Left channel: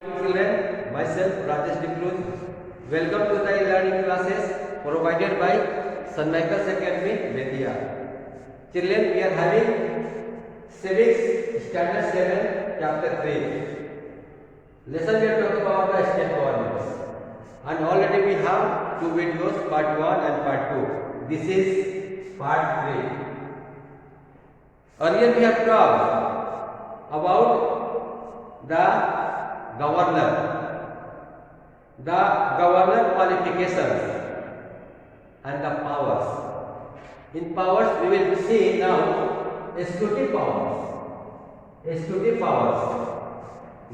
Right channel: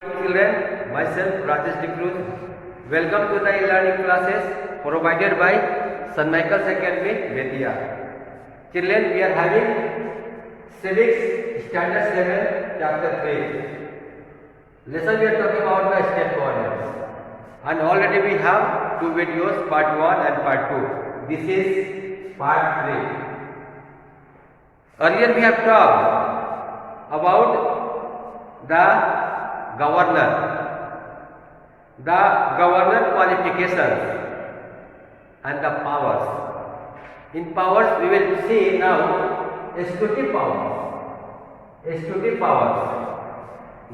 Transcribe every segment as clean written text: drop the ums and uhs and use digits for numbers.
Children, myself Rajesh Dikruz. Welcome to the e-learning classes provided by St. Michael's Academy, Betia. Children, we are having Civics Standard 7, Chapter 3. Lesson we are talking about the state governments. And already we have two videos, part 1 and part 2. This is part 3. Earlier we have talked about the governor qualifications and the powers. In powers we will see now executive powers. Executive powers.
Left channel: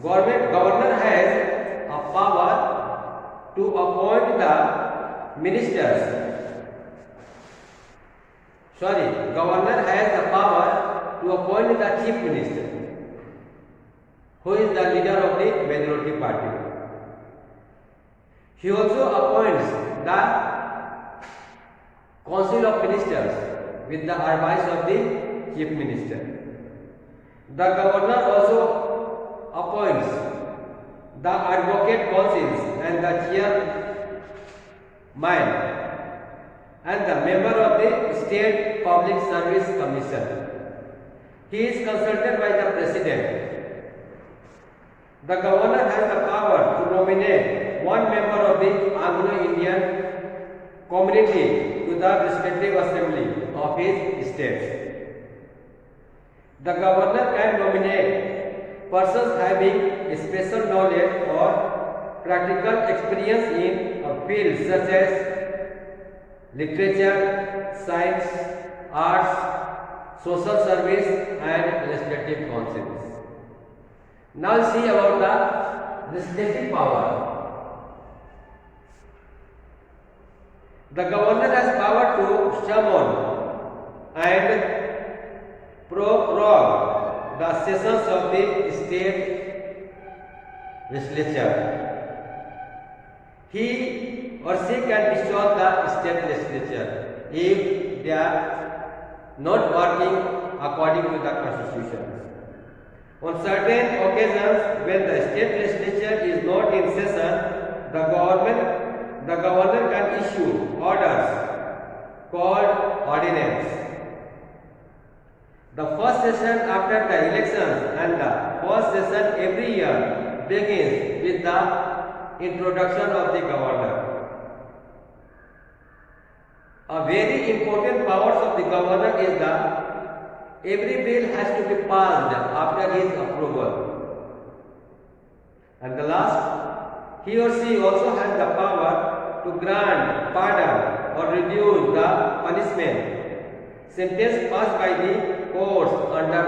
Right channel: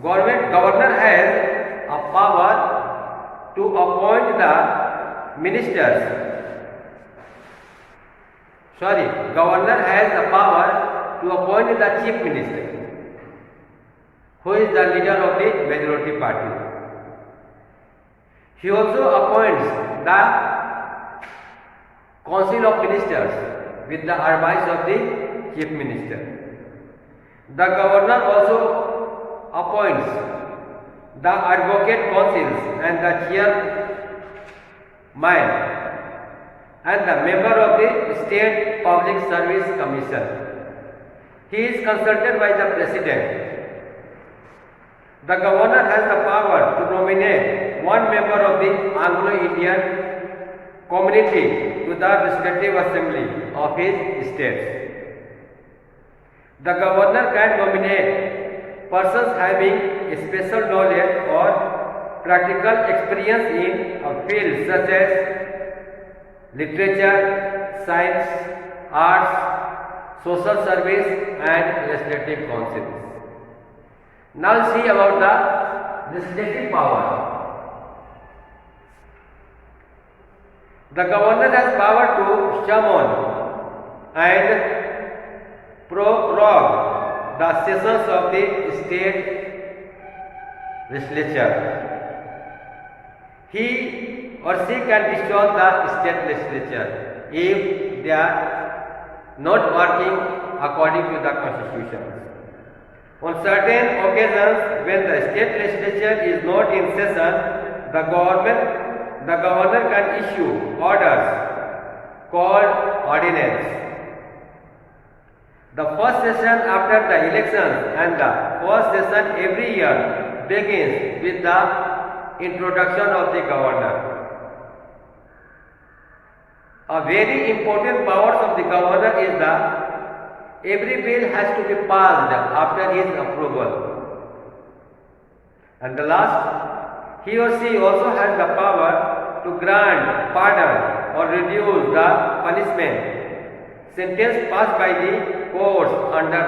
Governor has a power to appoint the ministers. Governor has the power to appoint the chief minister, who is the leader of the majority party. He also appoints the council of ministers with the advice of the chief minister. The governor also appoints the advocate councils and the chairman and the member of the State Public Service Commission. He is consulted by the president. The governor has the power to nominate one member of the Anglo-Indian community to the respective assembly of his states. The governor can nominate persons having special knowledge or practical experience in a field such as literature, science, arts, social service and legislative councils. Now see about the legislative power. The governor has power to summon and prorogue the sessions of the state legislature. He or she can dissolve the state legislature if they are not working according to the constitution. On certain occasions, when the state legislature is not in session, the governor can issue orders called ordinance. The first session after the elections and the first session every year begins with the introduction of the governor. A very important powers of the governor is the every bill has to be passed after his approval. And the last, he or she also has the power to grant pardon or reduce the punishment sentence passed by the courts under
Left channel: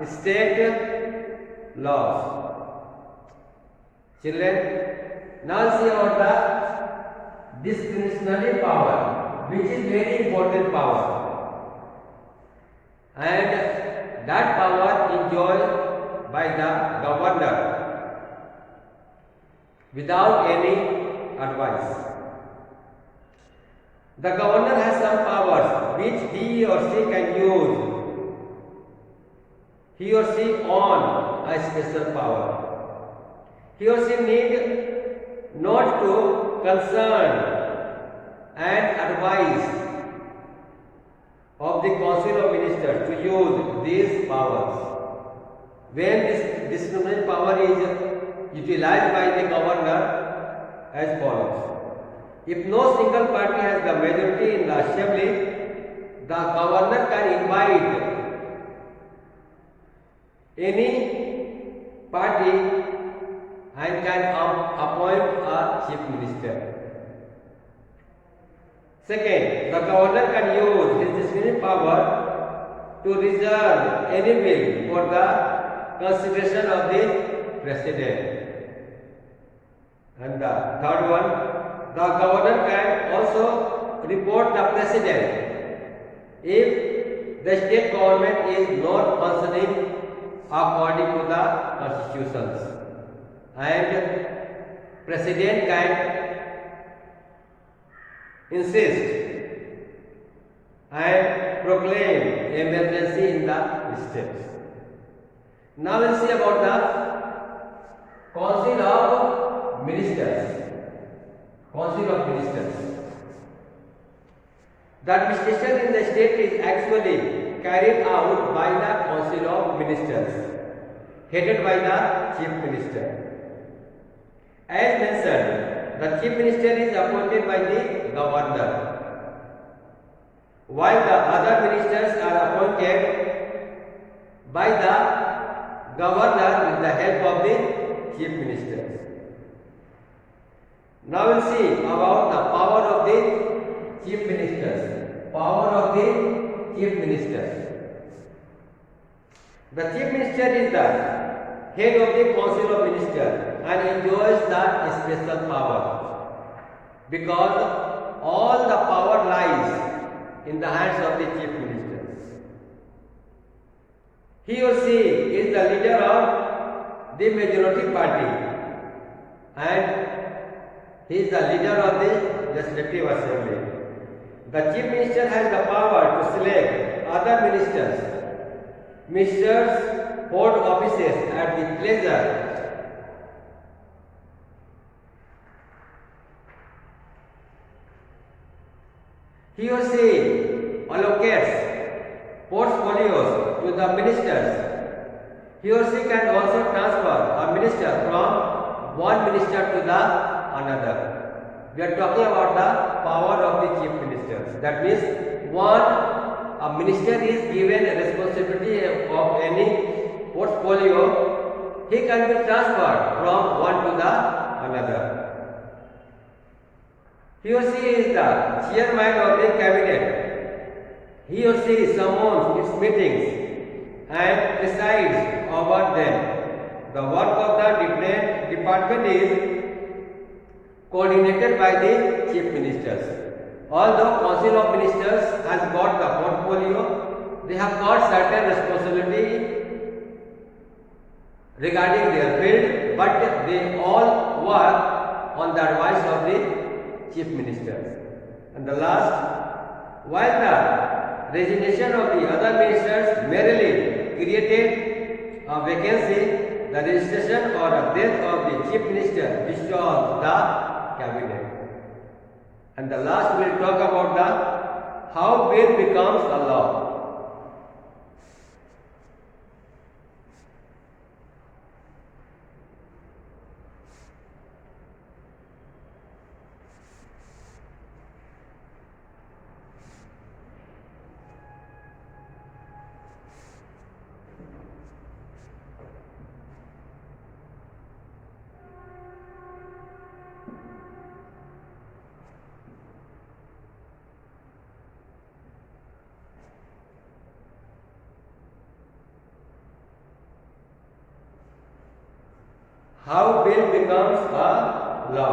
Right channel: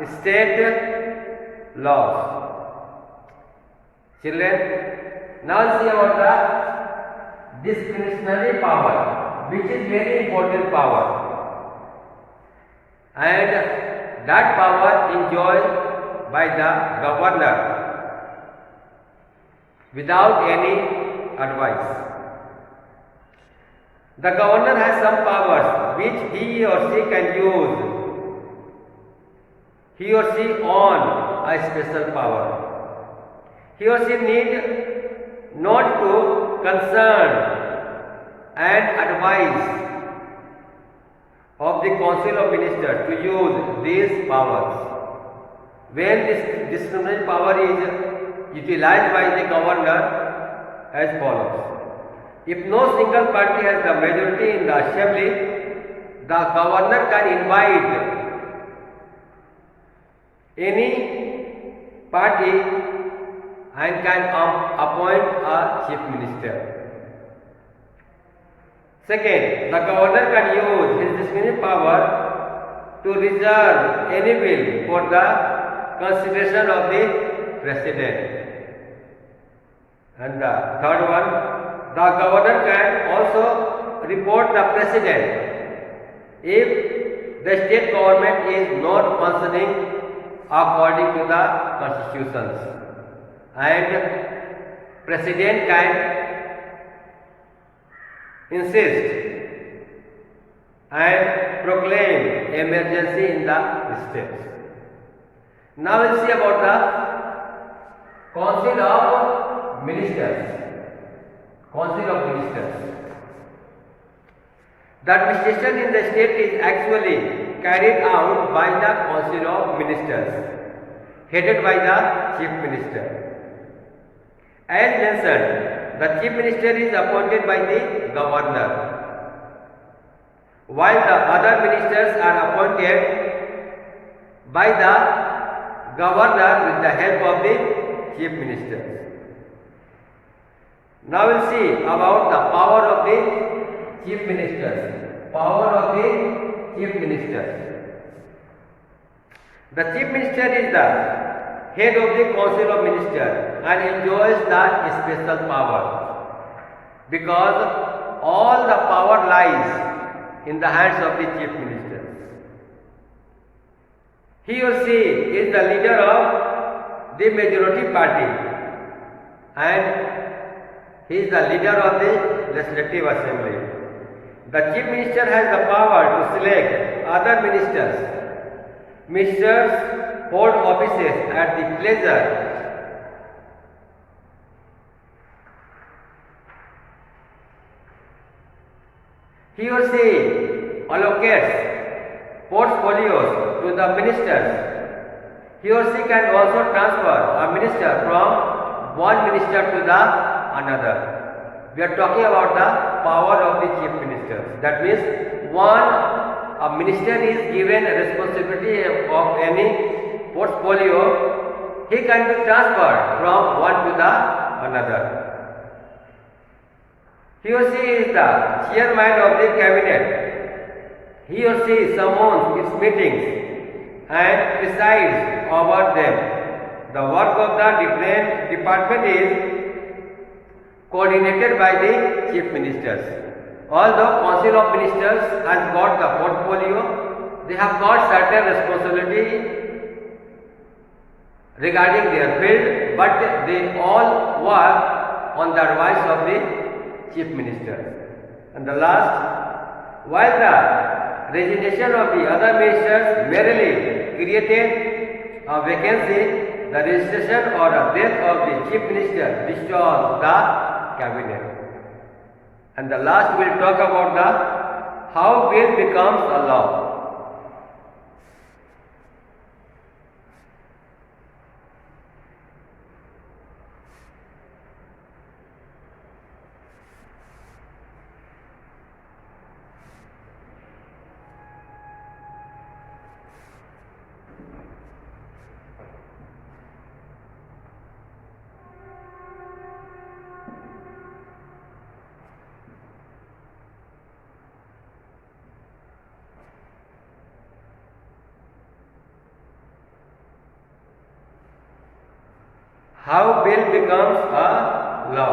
the state laws. Children, now see about the discretionary power, which is very important power. And that power enjoyed by the governor without any advice. The governor has some powers which he or she can use. He or she own a special power. He or she need not to concern and advise of the Council of Ministers to use these powers. When this discretionary power is utilized by the governor as follows. If no single party has the majority in the assembly, the governor can invite any party and can appoint a chief minister. Second, the governor can use his discretionary power to reserve any bill for the consideration of the president. And the third one, the governor can also report the president if the state government is not functioning according to the constitutions. And president can insist and proclaim emergency in the states. Now we'll see about Council of Ministers. Council of Ministers. The administration in the state is actually carried out by the Council of Ministers, headed by the Chief Minister. As mentioned, the Chief Minister is appointed by the Governor, while the other ministers are appointed by the Governor with the help of the Chief Minister. Now we'll see about the power of the Chief Ministers. Power of the Chief Minister. The Chief Minister is the head of the Council of Ministers and enjoys the special power, because all the power lies in the hands of the Chief Minister. He or she is the leader of the majority party and he is the leader of the Legislative Assembly. The Chief Minister has the power to select other ministers. Ministers hold offices at the pleasure he or she allocates portfolios to the ministers. He or she can also transfer a minister from one minister to the another. We are talking about the power of the Chief Minister. That means a minister is given a responsibility of any portfolio, he can be transferred from one to the another. He or she is the chairman of the cabinet. He or she summons its meetings and presides over them. The work of the different department is coordinated by the Chief Ministers. Although Council of Ministers has got the portfolio, they have got certain responsibility regarding their field, but they all work on the advice of the Chief Minister. And the last, while the resignation of the other ministers merely created a vacancy, the registration or a death of the Chief Minister dissolves the cabinet. And the last we will talk about the how bill becomes a law. How bill becomes a law.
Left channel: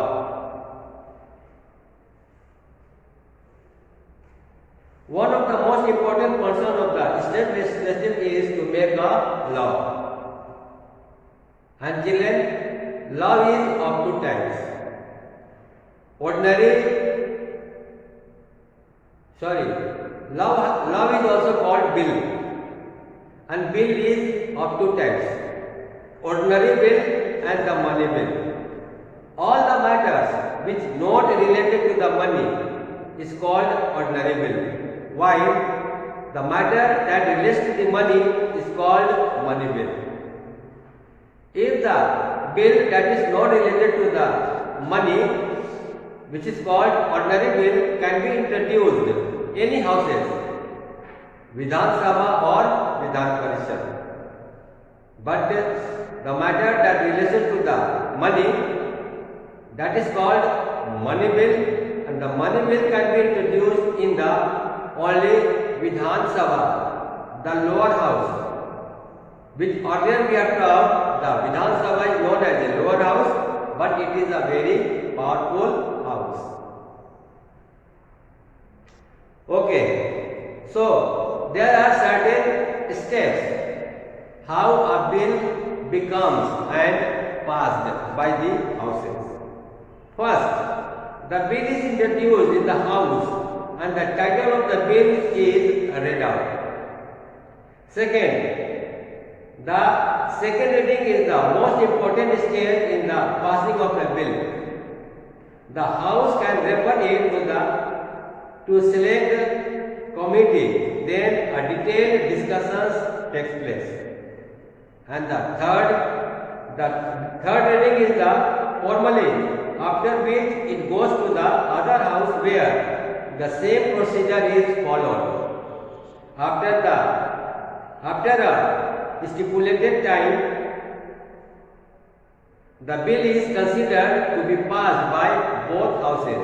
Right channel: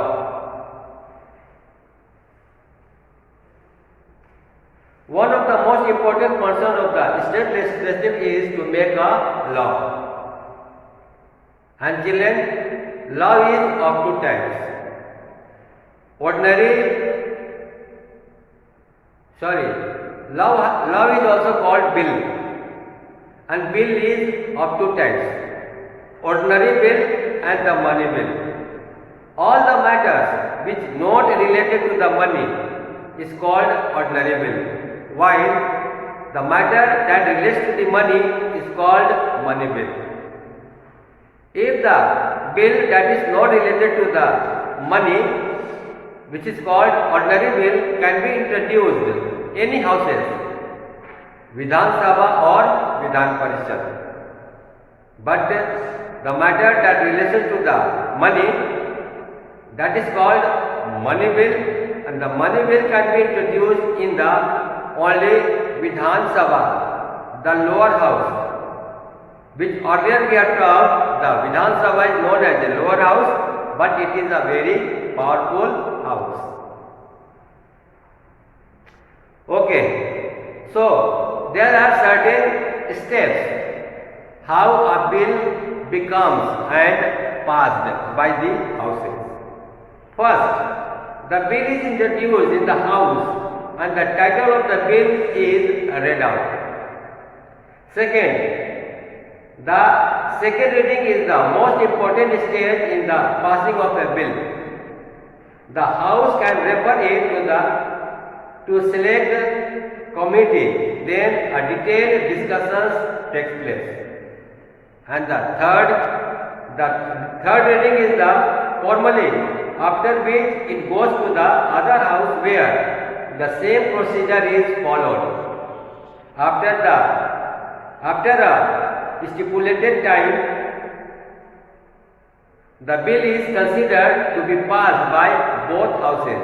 One of the most important functions of the state legislature is to make a law. And children, law is of two types. Law is also called bill. And bill is of two types. Ordinary bill and the money bill. All the matters which not related to the money is called ordinary bill, while the matter that relates to the money is called money bill. If the bill that is not related to the money, which is called ordinary bill, can be introduced any houses, Vidhan Sabha or Vidhan Parishad. But the matter that relates to the money, that is called money bill, and the money bill can be introduced in the only Vidhan Sabha, the lower house, which earlier we have taught the Vidhan Sabha is known as a lower house, but it is a very powerful house. Okay, so there are certain steps how a bill becomes and passed by the houses. First, the bill is introduced in the house and the title of the bill is read out. Second, The second reading is the most important stage in the passing of a bill. The House can refer it to select committee. Then a detailed discussions takes place. And the third reading is the formally, after which it goes to the other house where the same procedure is followed. After a stipulated time, the bill is considered to be passed by both houses.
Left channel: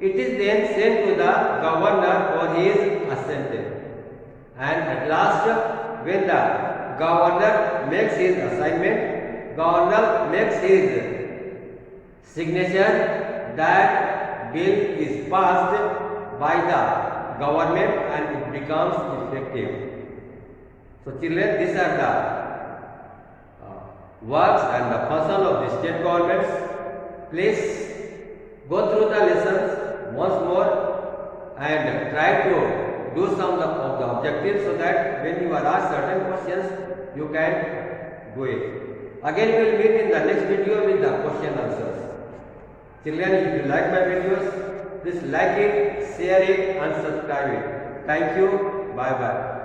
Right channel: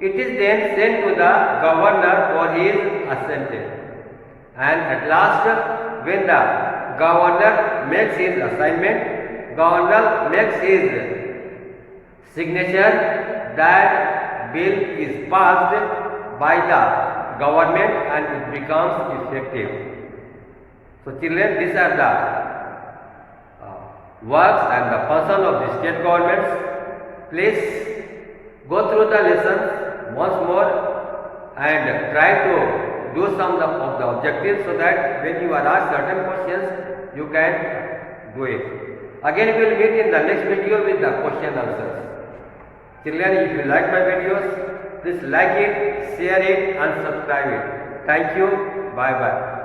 It is then sent to the governor for his assent. And at last, when the governor makes his assignment, governor makes his signature, that bill is passed by the government and it becomes effective. So children, these are the works and the function of the state governments. Please go through the lessons once more and try to do some of the objectives so that when you are asked certain questions, you can do it. Again, we will meet in the next video with the question answers. Children, if you like my videos, please like it, share it and subscribe it. Thank you. Bye bye.